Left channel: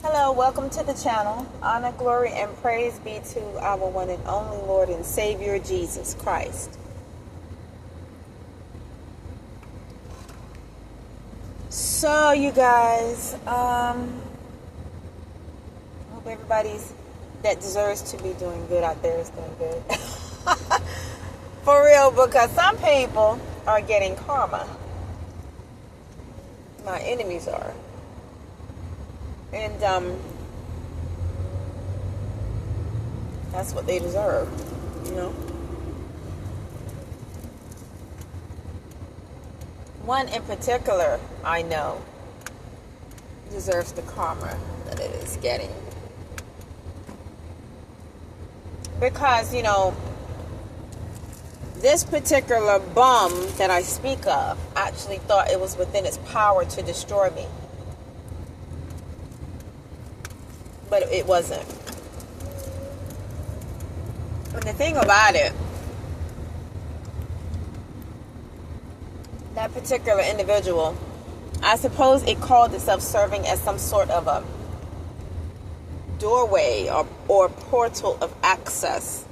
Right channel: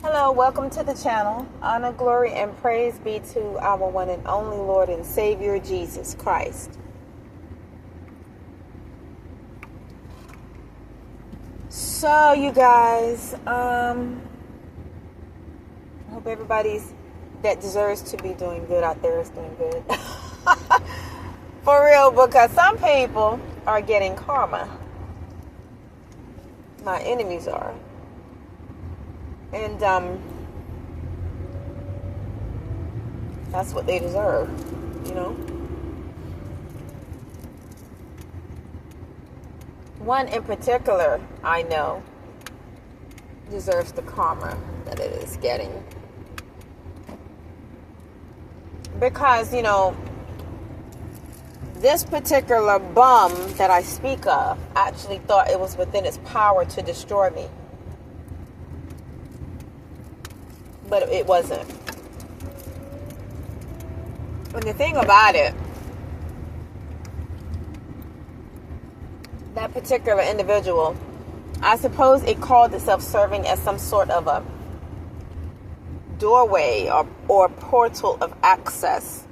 Hello, welcome to the channel. Honor, glory, and praise be to our one and only Lord and Savior, Jesus Christ. So, you guys, hope everybody's that deserves to be doing good out there is doing good. For real, because some people are getting karma. My enemies are. And that's what they deserve, you know. One in particular I know deserves the karma that it is getting. Because, you know, this particular bum that I speak of actually thought it was within its power to destroy me. But it wasn't. And the thing about it, that particular individual, I suppose it called itself serving as some sort of a doorway or portal of access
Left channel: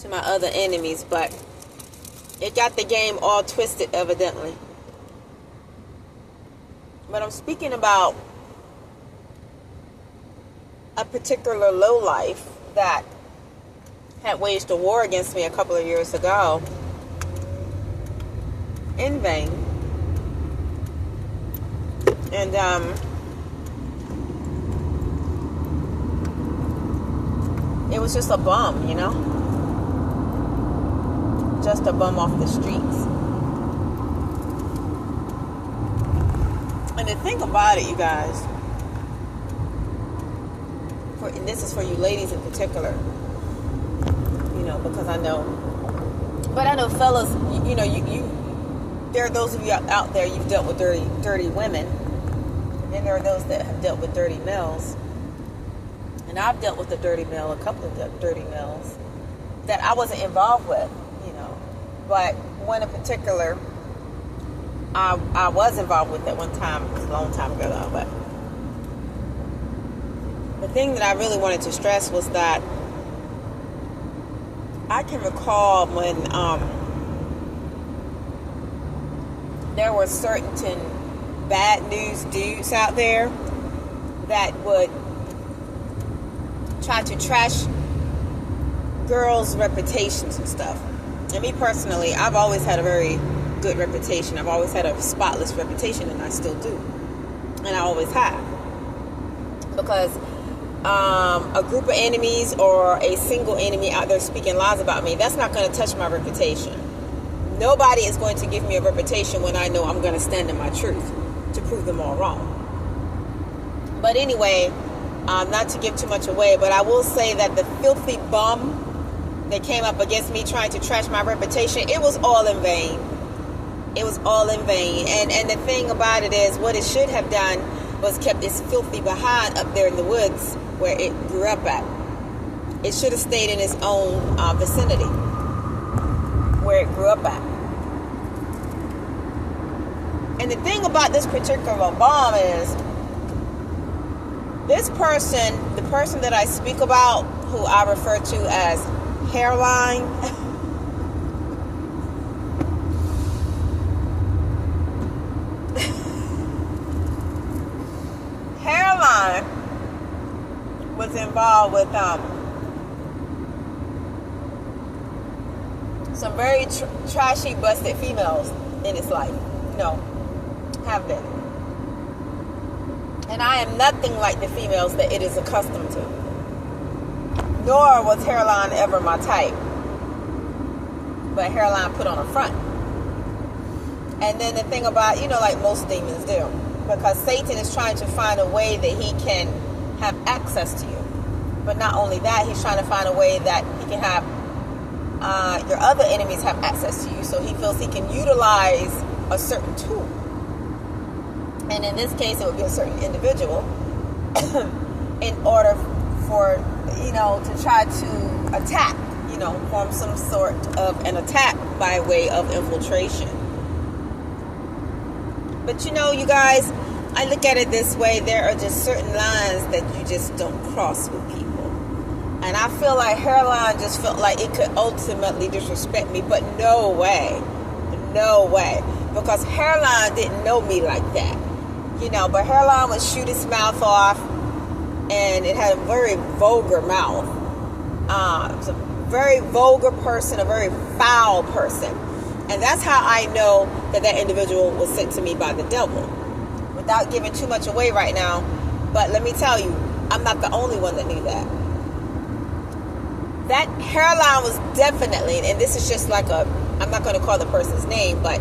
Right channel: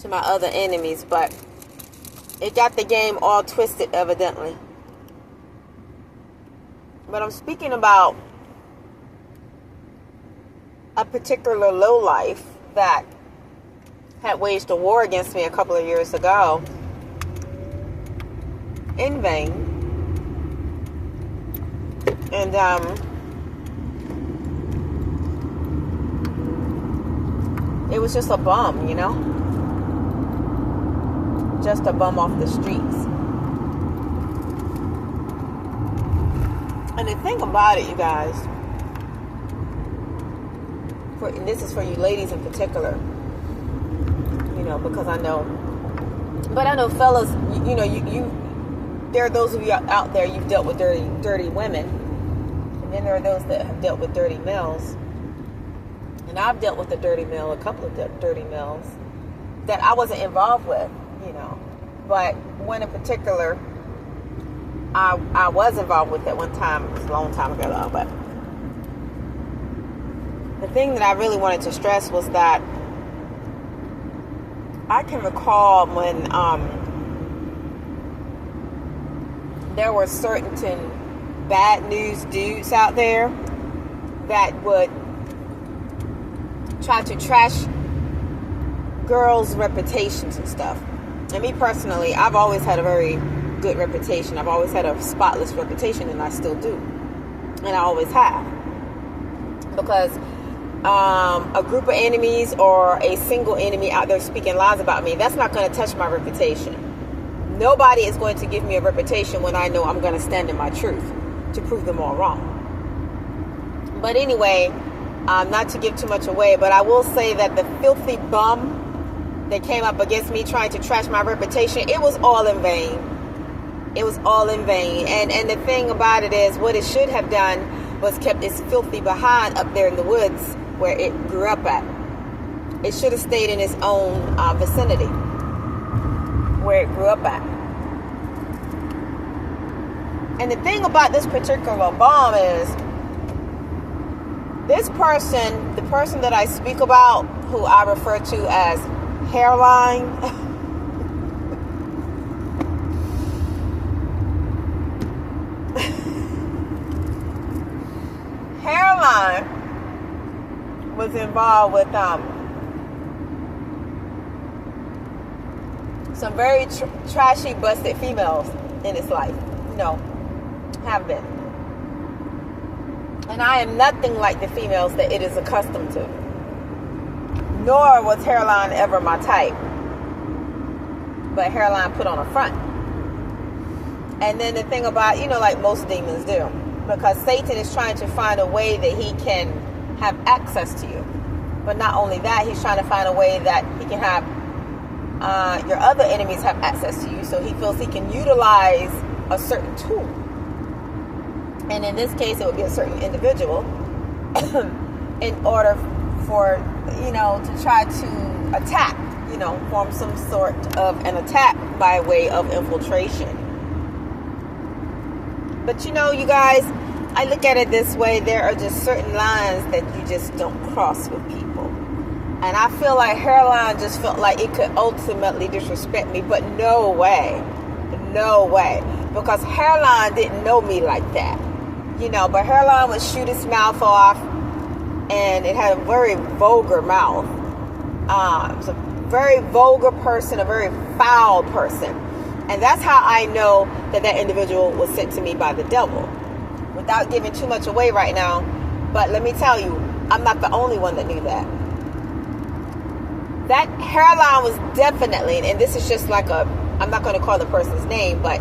to my other enemies, but it got the game all twisted evidently. But I'm speaking about a particular lowlife that had waged a war against me a couple of years ago in vain. And it was just a bum, you know, just a bum off the streets. And the thing about it, you guys, this is for you ladies in particular, you know, because I know, but I know fellas, you know, there are those of you out there, you've dealt with dirty women, and then there are those that have dealt with dirty males, and I've dealt with a dirty male, a couple of dirty males that I wasn't involved with, you know, but one in particular I was involved with at one time. It was a long time ago though, but the thing that I really wanted to stress was that I can recall when there were certain bad news dudes out there that would try to trash girls' reputations and stuff. And me personally, I've always had a very good reputation. I've always had a spotless reputation, and I still do. And I always have. Because a group of enemies or a single enemy out there speaking lies about me, that's not going to touch my reputation. Nobody is going to give me a reputation when I know I'm going to stand in my truth to prove them all wrong. But anyway, not to give too much away, but I will say that the filthy bum that came up against me trying to trash my reputation, it was all in vain. It was all in vain. And the thing about it is, what it should have done was kept its filthy behind up there in the woods where it grew up at. It should have stayed in its own vicinity where it grew up at. And the thing about this particular bomb is, this person, the person that I speak about, who I refer to as hairline, hairline was involved with some very trashy, busted females in his life. No, have been. And I am nothing like the females that it is accustomed to. Nor was hairline ever my type. But hairline put on a front. And then the thing about, you know, like most demons do, because Satan is trying to find a way that he can have access to you. But not only that, he's trying to find a way that he can have your other enemies have access to you, so he feels he can utilize a certain tool. And in this case, it would be a certain individual in order for, you know, to try to attack, you know, form some sort of an attack by way of infiltration. But you know, you guys, I look at it this way. There are just certain lines that you just don't cross with people. And I feel like Hairline just felt like it could ultimately disrespect me. But no way. No way. Because Hairline didn't know me like that. You know, but Hairline would shoot his mouth off. And it had a very vulgar mouth. It was a very vulgar person, a very foul person. And that's how I know that that individual was sent to me by the devil. Without giving too much away right now, but let me tell you, I'm not the only one that knew that. That Hairline was definitely, and this is just like I'm not going to call the person's name, but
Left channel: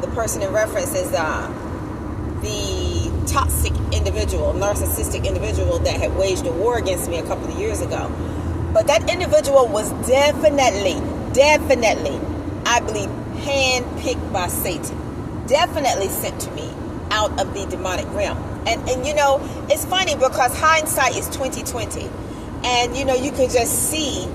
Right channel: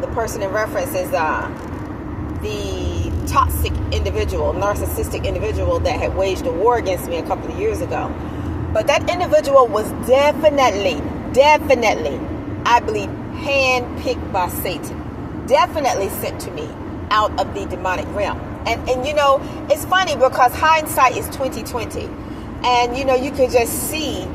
the person in reference is the toxic individual, narcissistic individual that had waged a war against me a couple of years ago. But that individual was definitely, I believe, handpicked by Satan. Definitely sent to me out of the demonic realm. And you know, it's funny because hindsight is 2020. And you know, you can just see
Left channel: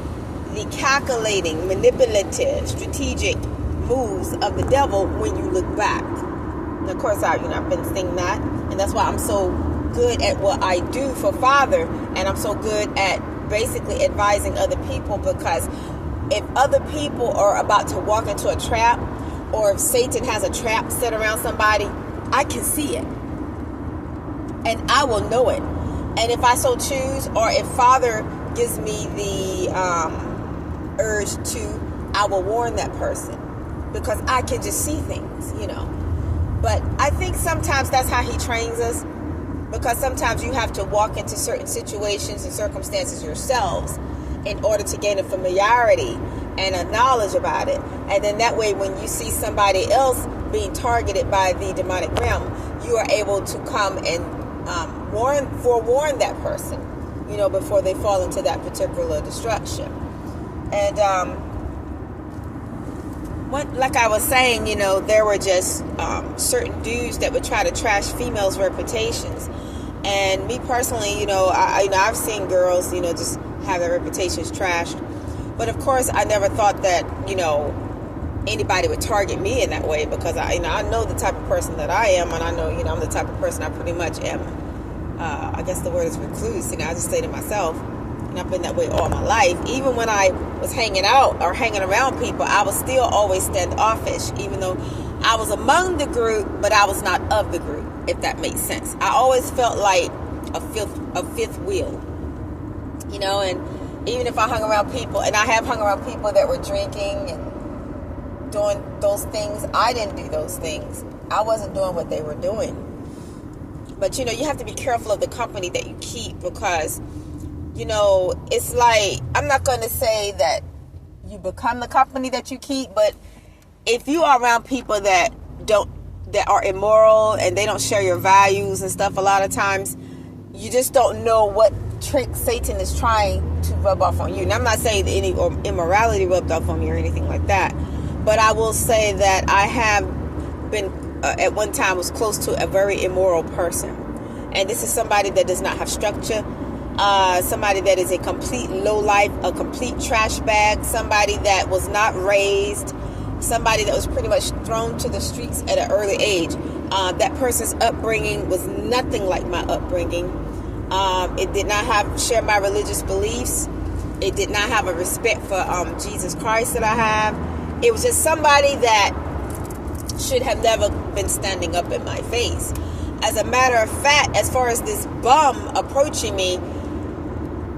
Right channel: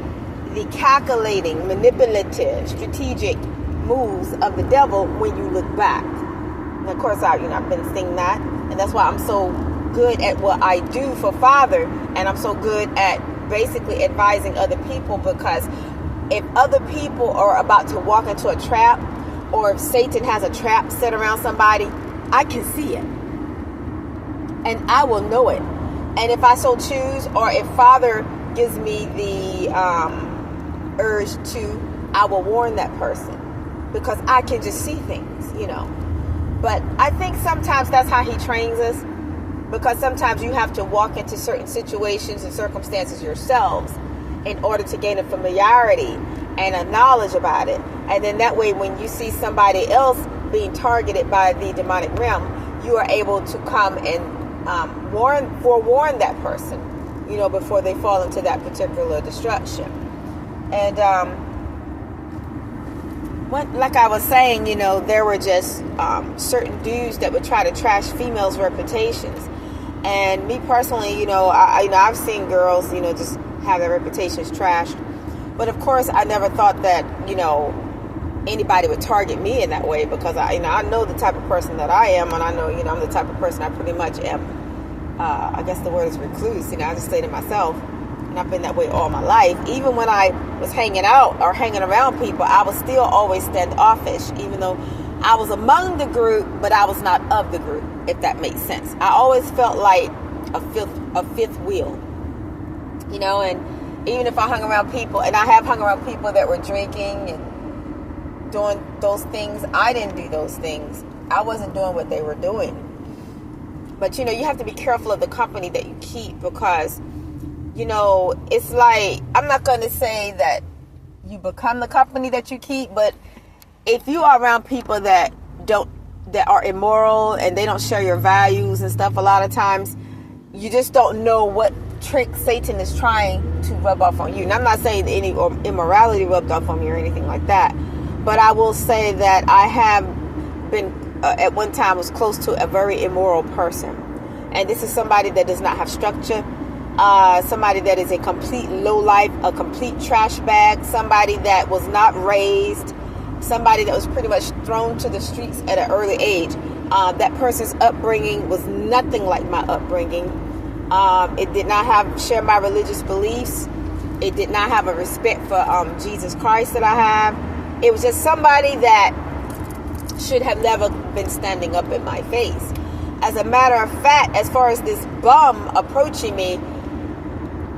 the calculating, manipulative, strategic moves of the devil when you look back. And of course, I've been seeing that. And that's why I'm so good at what I do for Father. And I'm so good at basically advising other people, because if other people are about to walk into a trap, or if Satan has a trap set around somebody, I can see it. And I will know it. And if I so choose, or if Father gives me the urge to, I will warn that person. Because I can just see things, you know. But I think sometimes that's how he trains us. Because sometimes you have to walk into certain situations and circumstances yourselves in order to gain a familiarity and a knowledge about it. And then that way, when you see somebody else being targeted by the demonic realm, you are able to come and forewarn that person, you know, before they fall into that particular destruction. And like I was saying, you know, there were just certain dudes that would try to trash females' reputations. And me personally, you know, I've seen girls, you know, just have their reputations trashed. But of course, I never thought that, you know, anybody would target me in that way, because I know the type of person that I am, and I know, you know, I'm the type of person I pretty much am. I guess the word is recluse. You know, I just say to myself, and I've been that way all my life. Even when I was hanging out or hanging around people, I was still always standoffish, even though I was among the group, but I was not of the group, if that makes sense. I always felt like a fifth wheel, you know. And even if I hung around people, and I have hung around people that were drinking and doing those things, I didn't do those things. I wasn't doing what they were doing. But, you know, you have to be careful of the company that you keep, because, you know, it's like, I'm not going to say that you become the company that you keep, but if you are around people that are immoral and they don't share your values and stuff, a lot of times you just don't know what trick Satan is trying to rub off on you. And I'm not saying any immorality rubbed off on me or anything like that, but I will say that I have been at one time was close to a very immoral person. And this is somebody that does not have structure, somebody that is a complete lowlife, a complete trash bag, somebody that was not raised, somebody that was pretty much thrown to the streets at an early age. That person's upbringing was nothing like my upbringing. It did not share my religious beliefs. It did not have a respect for Jesus Christ that I have. It was just somebody that should have never been standing up in my face. As a matter of fact, as far as this bum approaching me,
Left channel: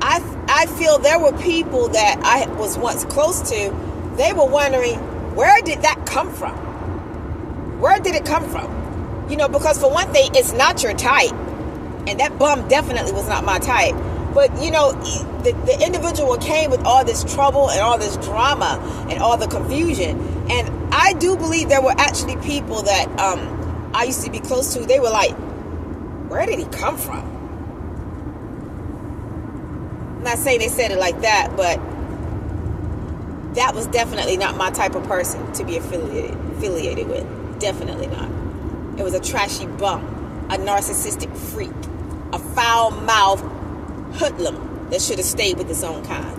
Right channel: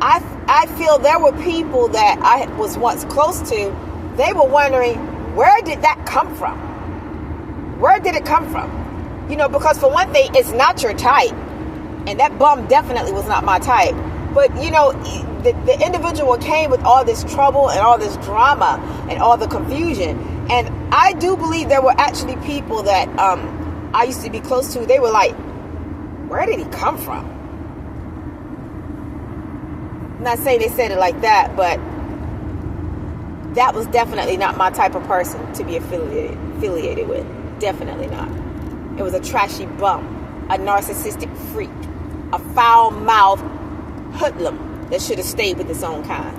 I feel there were people that I was once close to. They were wondering, where did that come from? Where did it come from? You know, because for one thing, it's not your type. And that bum definitely was not my type. But, you know, the individual came with all this trouble and all this drama and all the confusion. And I do believe there were actually people that I used to be close to. They were like, where did he come from? I'm not saying they said it like that, but that was definitely not my type of person to be affiliated with. Definitely not. It was a trashy bum, a narcissistic freak, a foul-mouthed hoodlum that should have stayed with his own kind.